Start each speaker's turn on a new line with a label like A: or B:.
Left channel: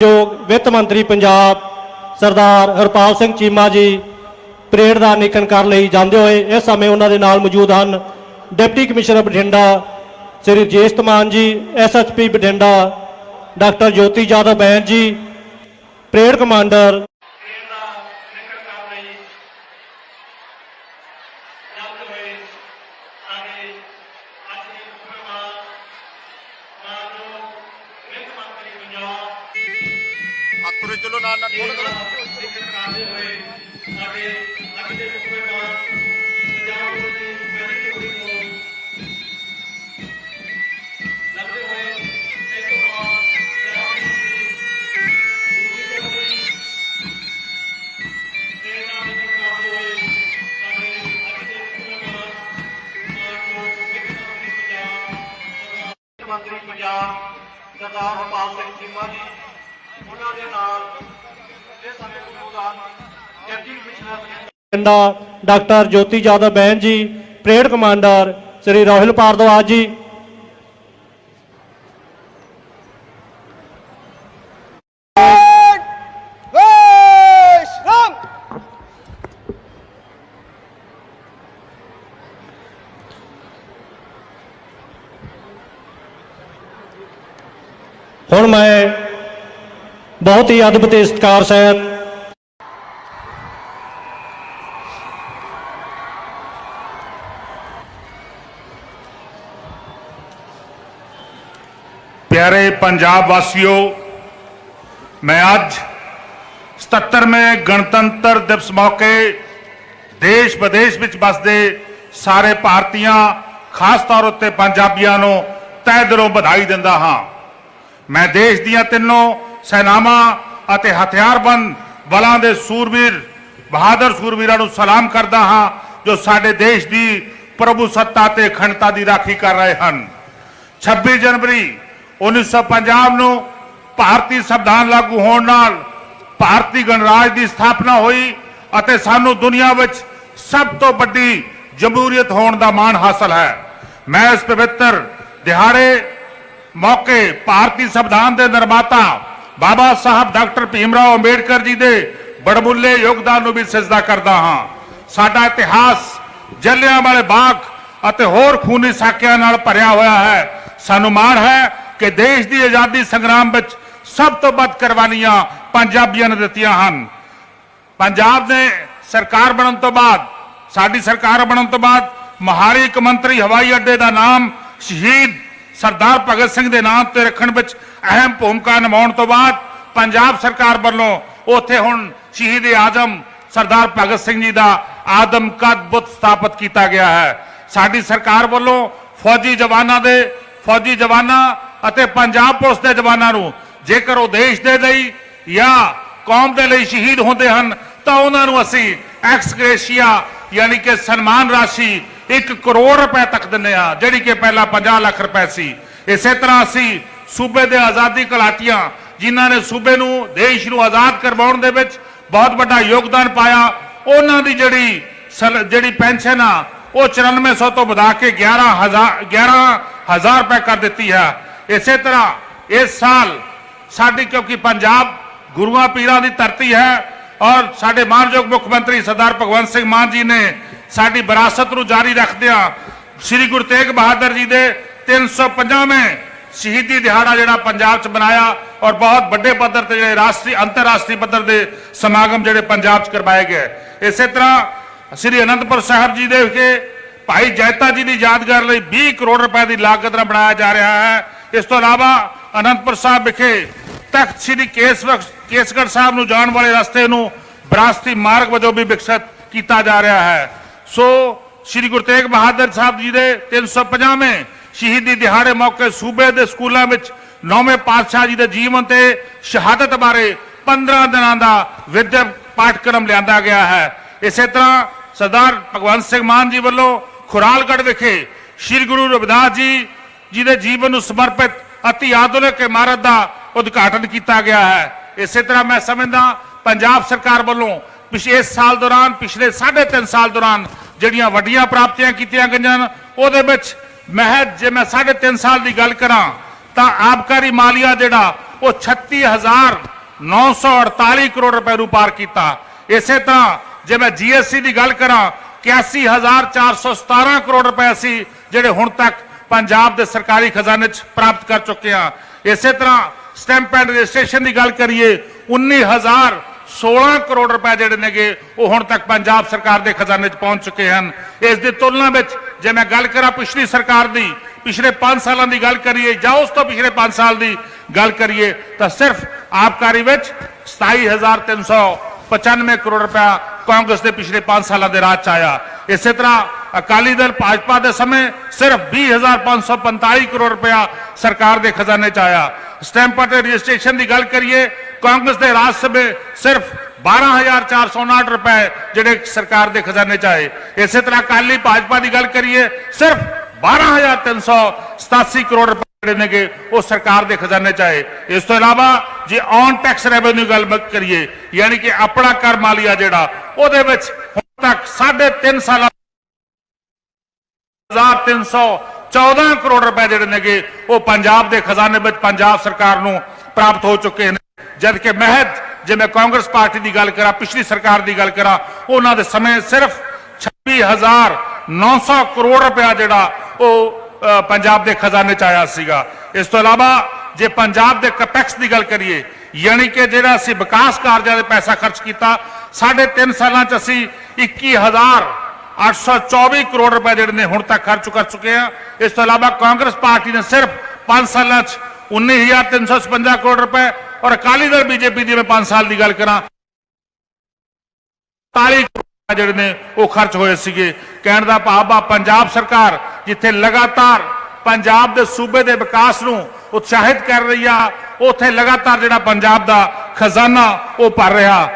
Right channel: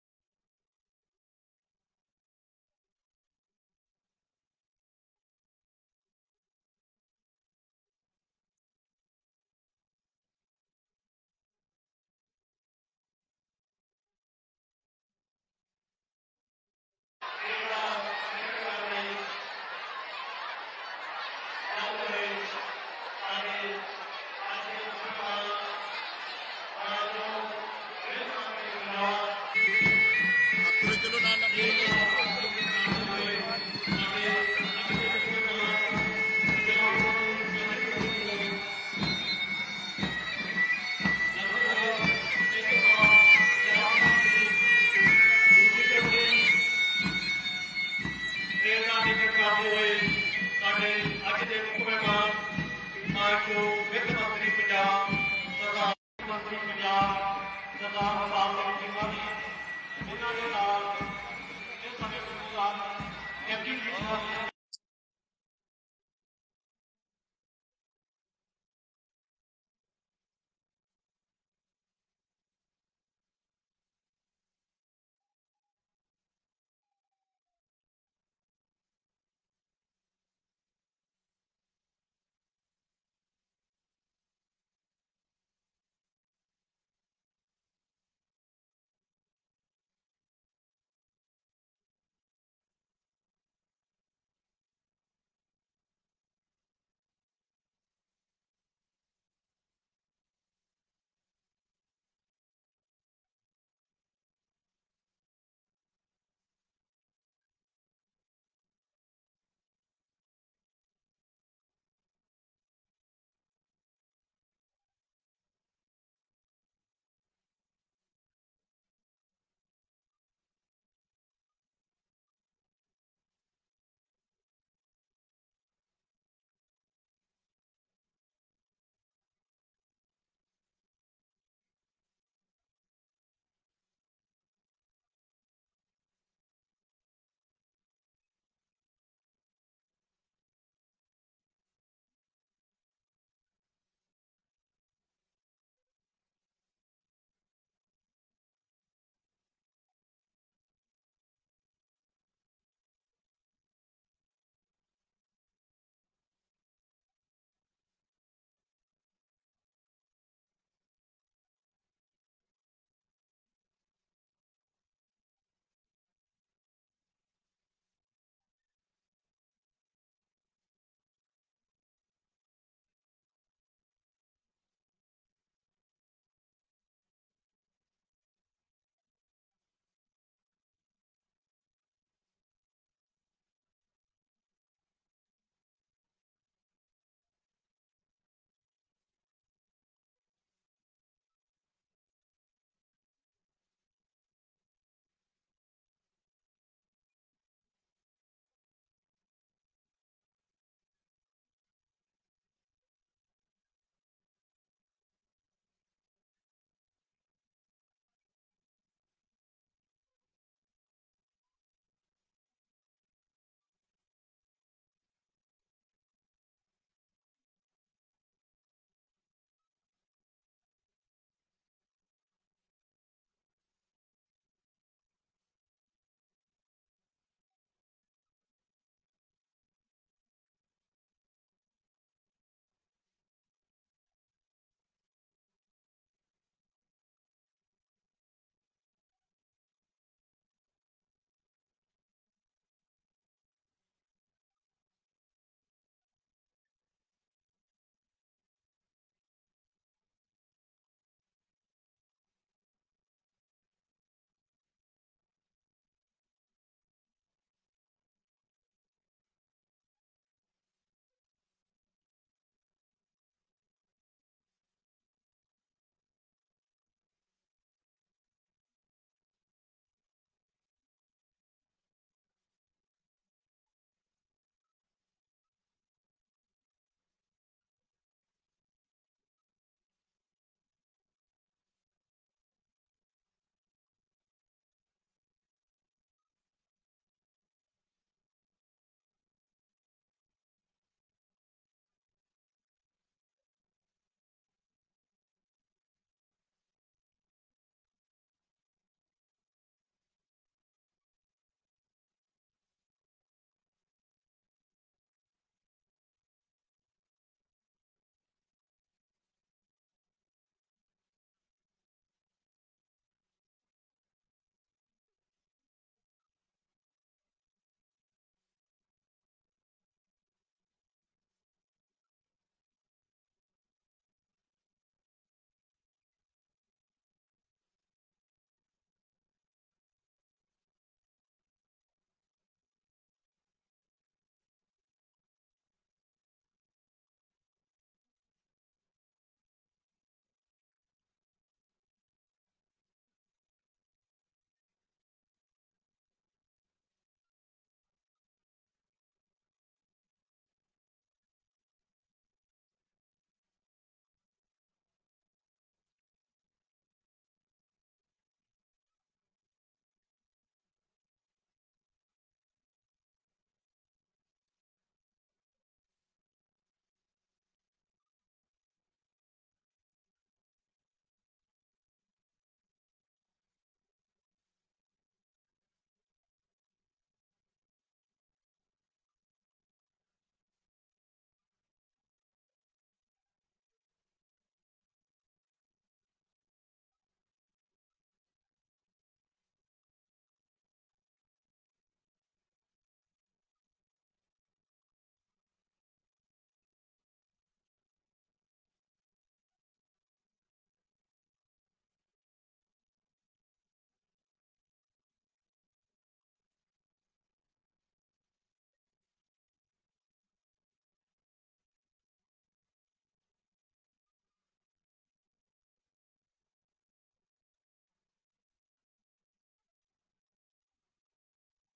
A: ਯੋਗ ਵਿੱਤ ਮੰਤਰੀ ਪੰਜਾਬ ਸਰਦਾਰ ਹਰਪਾਲ ਸਿੰਘ ਚੀਮਾ ਜੀ ਪਰੇਡ ਦਾ ਨਿਕਨ ਕਰਨ ਲਈ ਜਾਂਦੇ ਹੋਏ, ਇਸ ਸਮੇਂ ਉਹਨਾਂ ਦੇ ਨਾਲ ਮੌਜੂਦ ਹਨ deputy commissioner Bathinda Shri Jesh Maan ji SSP Bathinda doctor Jyoti Jadhav ban ji, parade commander
B: ਚਲੋ ਨਾਲ ਨਾਲ ਥੋੜਾ
C: ਮੰਤਰੀ ਪੰਜਾਬ ਸਰਦਾਰ ਹਰਪਾਲ ਸਿੰਘ ਚੀਮਾ ਜੀ। ਉਹਨਾਂ ਦੇ ਨਾਲ ਇਹ ਸਾਡੇ program deputy commissioner
A: Bathinda doctor Jyoti Jadhav ਬਹਿਨ ji, parade commander Shri Rahul Bhardwaj ji. ਹੁਣ ਮੈਂ ਬਹੁਤ ਹੀ ਅਦਭੁਤ ਤੇ ਸਤਿਕਾਰ ਸਹਿਤ।
B: ਪਿਆਰੇ ਪੰਜਾਬ ਵਾਸੀਓ, ਮੈਂ ਅੱਜ 77ਵੇਂ ਗਣਤੰਤਰ ਦਿਵਸ ਮੌਕੇ ਦੇਸ਼ ਵਿਦੇਸ਼ ਵਿੱਚ ਵਸਦੇ ਸਾਰੇ ਭਾਰਤੀਆਂ, ਖਾਸ ਤੌਰ ਉੱਤੇ ਪੰਜਾਬੀਆਂ ਨੂੰ ਤਹਿ ਦਿਲੋਂ ਵਧਾਈ ਦਿੰਦਾ ਹਾਂ। ਮੈਂ ਦੇਸ਼ ਦੀਆਂ ਤਿੰਨੋਂ ਸੈਨਾਵਾਂ ਅਤੇ ਹਥਿਆਰਬੰਦ ਬਲਾਂ ਦੇ ਸੂਰਬੀਰ, ਬਹਾਦਰ ਸੂਰਬੀਰਾਂ ਨੂੰ ਸਲਾਮ ਕਰਦਾ ਹਾਂ, ਜੋ ਸਾਡੇ ਦੇਸ਼ ਦੀ ਪ੍ਰਭੂ ਸੱਤਾ ਤੇ ਅਖੰਡਤਾ ਦੀ ਰਾਖੀ ਕਰ ਰਹੇ ਹਨ। 26 ਜਨਵਰੀ 1950 ਨੂੰ ਭਾਰਤੀ ਸੰਵਿਧਾਨ ਲਾਗੂ ਹੋਣ ਨਾਲ ਭਾਰਤੀ ਗਣਰਾਜ ਦੀ ਸਥਾਪਨਾ ਹੋਈ ਅਤੇ ਸਾਨੂੰ ਦੁਨੀਆ ਵਿੱਚ ਸਭ ਤੋਂ ਵੱਡੀ ਜਮਹੂਰੀਅਤ ਹੋਣ ਦਾ ਮਾਣ ਹਾਸਲ ਹੈ। ਮੈਂ ਇਸ ਪਵਿੱਤਰ ਦਿਹਾੜੇ ਮੌਕੇ ਭਾਰਤੀ ਸੰਵਿਧਾਨ ਦੇ ਨਿਰਮਾਤਾ ਬਾਬਾ ਸਾਹਿਬ ਡਾਕਟਰ ਭੀਮਰਾਓ ਅੰਬੇਡਕਰ ਜੀ ਦੇ ਬੜਮੁੱਲੇ ਯੋਗਦਾਨ ਨੂੰ ਵੀ ਸਜਦਾ ਕਰਦਾ ਹਾਂ। ਸਾਡਾ ਇਤਿਹਾਸ ਜਲਿਆਂ ਵਾਲੇ ਬਾਗ ਅਤੇ ਹੋਰ ਖੂਨੀ ਸਾਕਿਆਂ ਨਾਲ ਭਰਿਆ ਹੋਇਆ ਹੈ। ਸਾਨੂੰ ਮਾਣ ਹੈ ਕਿ ਦੇਸ਼ ਦੀ ਆਜ਼ਾਦੀ ਸੰਗਰਾਮ ਵਿੱਚ ਸਭ ਤੋਂ ਵੱਧ ਕੁਰਬਾਨੀਆਂ ਪੰਜਾਬੀਆਂ ਨੇ ਦਿੱਤੀਆਂ ਹਨ। ਪੰਜਾਬ ਨੇ ਸਰਕਾਰ ਬਣਨ ਤੋਂ ਬਾਅਦ, ਸਾਡੀ ਸਰਕਾਰ ਬਣਨ ਤੋਂ ਬਾਅਦ ਮਹਾਲੀ ਇੱਕ ਮੰਤਰੀ ਹਵਾਈ ਅੱਡੇ ਦਾ ਨਾਮ ਸ਼ਹੀਦ ਸਰਦਾਰ ਭਗਤ ਸਿੰਘ ਦੇ ਨਾਮ ਤੇ ਰੱਖਣ ਵਿੱਚ ਅਹਿਮ ਭੂਮਿਕਾ ਨਿਭਾਉਣ ਤੋਂ ਬਾਅਦ ਪੰਜਾਬ ਸਰਕਾਰ ਵੱਲੋਂ ਉੱਥੇ ਹੁਣ ਸ਼ਹੀਦ ਆਜ਼ਮ ਸਰਦਾਰ ਭਗਤ ਸਿੰਘ ਜੀ ਦਾ ਆਦਮ ਕਦ ਬੁੱਤ ਸਥਾਪਿਤ ਕੀਤਾ ਗਿਆ ਹੈ। ਸਾਡੀ ਸਰਕਾਰ ਵੱਲੋਂ ਫੌਜੀ ਜਵਾਨਾਂ ਦੇ, ਫੌਜੀ ਜਵਾਨਾਂ ਅਤੇ ਪੰਜਾਬ ਪੁਲਿਸ ਦੇ ਜਵਾਨਾਂ ਨੂੰ ਜੇਕਰ ਉਹ ਦੇਸ਼ ਦੇ ਲਈ ਜਾਂ ਕੌਮ ਦੇ ਲਈ ਸ਼ਹੀਦ ਹੁੰਦੇ ਹਨ ਤਾਂ ਉਹਨਾਂ ਨੂੰ ਅਸੀਂ ਐਕਸ ਗ੍ਰੇਸ਼ੀਆ ਯਾਨੀ ਕਿ ਸਨਮਾਨ ਰਾਸ਼ੀ 1 ਕਰੋੜ ਰੁਪਏ ਤੱਕ ਦਿੰਦੇ ਆ, ਜਿਹੜੀ ਕਿ ਪਹਿਲਾਂ 50 ਲੱਖ ਰੁਪਏ ਸੀ। ਇਸੇ ਤਰ੍ਹਾਂ ਅਸੀਂ ਸੂਬੇ ਦੇ ਆਜ਼ਾਦੀ ਘੁਲਾਟੀਆਂ, ਜਿਨ੍ਹਾਂ ਨੇ ਸੂਬੇ ਨੂੰ, ਦੇਸ਼ ਨੂੰ ਆਜ਼ਾਦ ਕਰਵਾਉਣ ਦੇ ਵਿੱਚ ਬਹੁਤ ਵੱਡਾ ਯੋਗਦਾਨ ਪਾਇਆ, ਉਹਨਾਂ ਦੀ ਜਿਹੜੀ ਜਿਹੜੀ ਪੈਨਸ਼ਨ ਆ, ਉਹ 9400 ਤੋਂ ਵਧਾ ਕੇ 11000 11000 ਰੁਪਏ ਕਰ ਦਿੱਤੀ ਹੈ। ਇਸੇ ਤਰ੍ਹਾਂ ਇਸ ਸਾਲ ਸਾਡੀ, ਕਿਉਂਕਿ ਪੰਜਾਬ ਗੁਰੂਆਂ ਪੀਰਾਂ ਦੀ ਧਰਤੀ ਹੈ, ਔਰ ਸਾਡੇ ਮਾਨਯੋਗ ਮੁੱਖ ਮੰਤਰੀ ਸਰਦਾਰ ਭਗਵੰਤ ਸਿੰਘ ਮਾਨ ਜੀ ਨੇ ਸਾਡੀ ਵਿਰਾਸਤ ਨੂੰ ਜਾਰੀ ਰੱਖਦਿਆਂ ਸ੍ਰੀ ਗੁਰੂ ਤੇਗ ਬਹਾਦਰ ਜੀ ਦੇ 350ਵੇਂ ਸ਼ਹੀਦੀ ਦਿਹਾੜਾ ਜਿਹੜਾ ਪੰਜਾਬ 'ਚ ਮਨਾਇਆ ਔਰ ਬਹੁਤ ਵੱਡੇ ਪੱਧਰ ਤੇ ਜਿਹੜੇ ਰਾਸ਼ਟਰੀ, ਅੰਤਰਰਾਸ਼ਟਰੀ ਪੱਧਰ ਦੇ ਸਮਾਗਮ ਜਿਹੜੇ ਪੰਜਾਬ 'ਚ ਕਰਵਾਏ ਗਏ। ਇਸੇ ਤਰ੍ਹਾਂ ਸ੍ਰੀ ਅਨੰਦਪੁਰ ਸਾਹਿਬ ਜੀ ਦੇ ਵਿਖੇ ਭਾਈ ਜੈਤਾ ਜੀ ਦੀ ਯਾਦਗਾਰ ਲਈ 20 ਕਰੋੜ ਰੁਪਏ ਦੀ ਲਾਗਤ ਨਾਲ ਬਣਾਇਆ ਜਾ ਰਿਹਾ ਹੈ। ਇਸ ਤੋਂ ਇਲਾਵਾ ਅਨੰਦਪੁਰ ਸਾਹਿਬ ਵਿਖੇ ਤਖਤ ਸ੍ਰੀ ਕੇਸਵਰ ਕੇਸਗੜ੍ਹ ਸਾਹਿਬ ਨੂੰ ਜਾਣ ਵਾਲੇ ਰਸਤੇ ਨੂੰ ਵਿਰਾਸਤੀ ਮਾਰਗ ਵਜੋਂ ਵੀ ਵਿਕਸਿਤ ਕੀਤਾ ਜਾ ਰਿਹਾ ਹੈ। ਸੋ ਸ੍ਰੀ ਗੁਰੂ ਤੇਗ ਬਹਾਦਰ ਸਾਹਿਬ ਜੀ ਦੇ 350ਵੇਂ ਸ਼ਹੀਦੀ ਦਿਹਾੜੇ ਮੌਕੇ ਸੂਬੇ ਦੇ ਸਕੂਲਾਂ ਵਿੱਚ ਨੌਵੇਂ ਪਾਤਸ਼ਾਹ ਜੀ ਦੇ ਜੀਵਨ ਤੇ ਸ਼ਹਾਦਤ ਬਾਰੇ 15 ਦਿਨਾਂ ਦਾ ਵਿਦਿਅਕ ਪਾਠਕ੍ਰਮ ਲਿਆਂਦਾ ਗਿਆ ਹੈ। ਇਸੇ ਤਰ੍ਹਾਂ ਸਰਦਾਰ ਭਗਵੰਤ ਸਿੰਘ ਮਾਨ ਜੀ ਵੱਲੋਂ ਖੁਰਾਲਗੜ੍ਹ ਵਿਖੇ ਸ੍ਰੀ ਗੁਰੂ ਰਵਿਦਾਸ ਜੀ ਜੀ ਦੇ ਜੀਵਨ ਨੂੰ ਸਮਰਪਿਤ ਅਤੀ ਆਧੁਨਿਕ ਇਮਾਰਤ ਦਾ ਉਦਘਾਟਨ ਕੀਤਾ ਗਿਆ ਹੈ। ਇਸੇ ਤਰ੍ਹਾਂ ਮੈਂ ਸਮਝਦਾ ਪੰਜਾਬ ਸਰਕਾਰ ਵੱਲੋਂ ਪਿਛਲੇ ਇਸ ਸਾਲ ਦੌਰਾਨ, ਪਿਛਲੇ 3.5 ਸਾਲ ਦੌਰਾਨ ਜਿਹੜੀਆਂ ਵੱਡੀਆਂ ਪ੍ਰਾਪਤੀਆਂ ਕੀਤੀਆਂ ਗਈਆਂ ਹਨ, ਉਹਦੇ ਵਿੱਚ ਮਹਿਜ ਜੇ ਮੈਂ 3.5 ਸਾਲ ਦੀ ਗੱਲ ਕਰਾਂ, ਤਾਂ ਆਬਕਾਰੀ ਮਾਲੀਆ ਜਿਹੜਾ, ਉਹ 36948 ਕਰੋੜ ਰੁਪਏ ਨੂੰ ਪਾਰ ਕੀਤਾ। ਇਸੇ ਤਰ੍ਹਾਂ ਜੇ ਮੈਂ ਜੀਐਸਟੀ ਦੀ ਗੱਲ ਕਰਾਂ 81417 ਕਰੋੜ ਰੁਪਏ ਅਸੀਂ ਜਿਹੜੇ ਹੁਣ ਤੱਕ ਪੰਜਾਬ ਦੇ ਸਰਕਾਰੀ ਖਜ਼ਾਨੇ 'ਚ ਪ੍ਰਾਪਤ ਕਰ ਚੁੱਕੇ ਹਾਂ। ਇਸੇ ਤਰ੍ਹਾਂ ਸਟੈਂਪ ਐਂਡ ਰਜਿਸਟ੍ਰੇਸ਼ਨ ਦੀ ਗੱਲ ਕਰੀਏ 19016 ਕਰੋੜ ਰੁਪਏ ਜਿਹੜੇ ਨੇਗੇ, ਉਹ ਹੁਣ ਤੱਕ ਪੰਜਾਬ ਸਰਕਾਰ ਦੇ ਖਜ਼ਾਨੇ 'ਚ ਪਹੁੰਚ ਚੁੱਕੇ ਹਨ। ਇਸ ਦੀ ਤੁਲਨਾ ਵਿੱਚ ਜੇ ਮੈਂ ਗੱਲ ਕਰਾਂ ਪਿਛਲੀ ਸਰਕਾਰ ਦੀ, ਪਿਛਲੇ 5 ਸਾਲਾਂ ਦੀ ਗੱਲ ਕਰੀਏ ਜਾਂ ਉਸ ਤੋਂ ਪਿਛਲੇ 5 ਸਾਲ ਦੀ ਗੱਲ ਕਰੀਏ, ਤਾਂ ਸਿਰਫ ਆਬਕਾਰੀ ਵਿੱਚ 27395 ਕਰੋੜ ਰੁਪਇਆ ਕਾਂਗਰਸ ਦੇ ਪਿਛਲੇ 5 ਸਾਲਾਂ ਦੇ ਰਾਜ ਚ ਆਇਆ। ਇਸੇ ਤਰ੍ਹਾਂ ਅਕਾਲੀ ਦਲ ਭਾਜਪਾ ਦੇ ਸਮੇਂ ਸਿਰਫ 20545 ਕਰੋੜ ਰੁਪਇਆ ਸਰਕਾਰ ਦੇ ਖਜ਼ਾਨੇ ਚ ਆਇਆ। ਸਟੈਂਪ ਅਤੇ ਰਜਿਸਟ੍ਰੇਸ਼ਨ ਦੀ ਗੱਲ ਕਰੀਏ ਕਾਂਗਰਸ ਦੇ ਰਾਜ ਸਭੇ ਸਿਰਫ 12459 ਰੁਪਏ ਜਿਹੜੇ ਸਰਕਾਰ ਦੇ ਖਜ਼ਾਨੇ ਚ ਆਏ। ਇਸੇ ਤਰ੍ਹਾਂ ਅਕਾਲੀ ਭਾਜਪਾ ਦੀ ਗੱਲ ਕਰੀਏ, ਸਿਰਫ 12387 ਕਰੋੜ ਰੁਪਏ ਜਿਹੜੇ ਨੇਗੇ, ਉਹ ਸਰਕਾਰ ਦੇ ਖਜ਼ਾਨੇ ਚ ਆਏ। ਇਸ ਤੋਂ ਇਲਾਵਾ ਜੇ ਔਨ ਟੈਕਸ ਰੈਵਨਿਊ ਗੱਲ ਕਰੀਏ, ਯਾਨੀ ਕਿ ਆਪਣਾ ਕਰ ਮਾਲੀਆ ਜਿਹੜਾ, ਉਹਦੇ ਵਿੱਚ ਹੁਣ ਤੱਕ 3.5 ਸਾਲਾਂ 1314 ਕਰੋੜ ਰੁਪਏ ਜਿਹੜੇ ਨੇਗੇ, ਉਹ ਪੰਜਾਬ ਦੇ ਖਜ਼ਾਨੇ ਵਿੱਚ ਪੰਜਾਬ ਸਰਕਾਰ ਨੂੰ ਪ੍ਰਾਪਤ ਹੋ ਚੁੱਕੇ ਨੇ। ਜਦ ਕਿ ਮਹਿਜ ਜੇ ਮੈਂ ਕਾਂਗਰਸ ਪਾਰਟੀ ਦੀ ਗੱਲ ਕਰਾਂ ਪਿਛਲੀ ਸਰਕਾਰ ਦੀ ਗੱਲ ਕਰਾਂ ਉਹਨਾਂ ਦੇ ਸਮੇਂ ਸਿਰਫ 26900 ਕਰੋੜ ਰੁਪਇਆ ਜਿਹੜਾ ਉਹ ਅ, ਪੰਜਾਬ ਦੇ ਖਜ਼ਾਨੇ ਚ ਆਇਆ ਸੀਗਾ ਇਸ ਤੋਂ ਇਲਾਵਾ ਜੇ ਪੰਜਾਬ ਦੇ ਕਪੈਕਸ ਦੀ ਗੱਲ ਕਰੀਏ ਯਾਨੀ ਕਿ ਜਿਹੜਾ ਅਸੀਂ ਵਿਕਾਸ ਕਾਰਜਾਂ ਦੇ ਪੈਸਾ ਖਰਚ ਕੀਤਾ ਸਾਢੇ ਤਿੰਨ ਸਾਲਾਂ ਚ ਅਸੀਂ 21000 824 ਕਰੋੜ ਰੁਪਏ ਜਿਹੜੇ ਨੇ ਹੁਣ ਤੱਕ ਖਰਚ ਕਰ ਚੁੱਕੇ ਆ ਇਸ ਤੋਂ ਇਲਾਵਾ ਕਾਂਗਰਸ ਪਾਰਟੀ ਨੇ ਸਿਰਫ 5 ਸਾਲਾਂ 'ਚ 19356 ਕਰੋੜ ਰੁਪਏ ਔਰ ਅਕਾਲੀ ਦਲ ਬੀਜੇਪੀ ਦੀ ਮੈਂ 5 ਸਾਲ ਦੀ ਗੱਲ ਕਰਾਂ 40 ਕਰੋੜ ਜਿਹੜੇ ਨੇ ਉਹ ਖਰਚ ਹੋਏ ਸੀਗੇ। ਕਹਿਣ ਦਾ ਭਾਵ ਆ, ਪੰਜਾਬ ਸਰਕਾਰ ਜਿੱਥੇ ਲਗਾਤਾਰ ਪੰਜਾਬ ਦੇ ਸੂਬੇ ਦੇ ਵਿਕਾਸ ਨੂੰ ਉਤਸ਼ਾਹਿਤ ਕਰ ਰਹੀ ਆ, ਉੱਥੇ ਲਗਾਤਾਰ ਜਿਹੜਾ ਪੰਜਾਬ ਦਾ ਖਜ਼ਾਨਾ ਉਹ ਭਰ ਰਿਹਾ।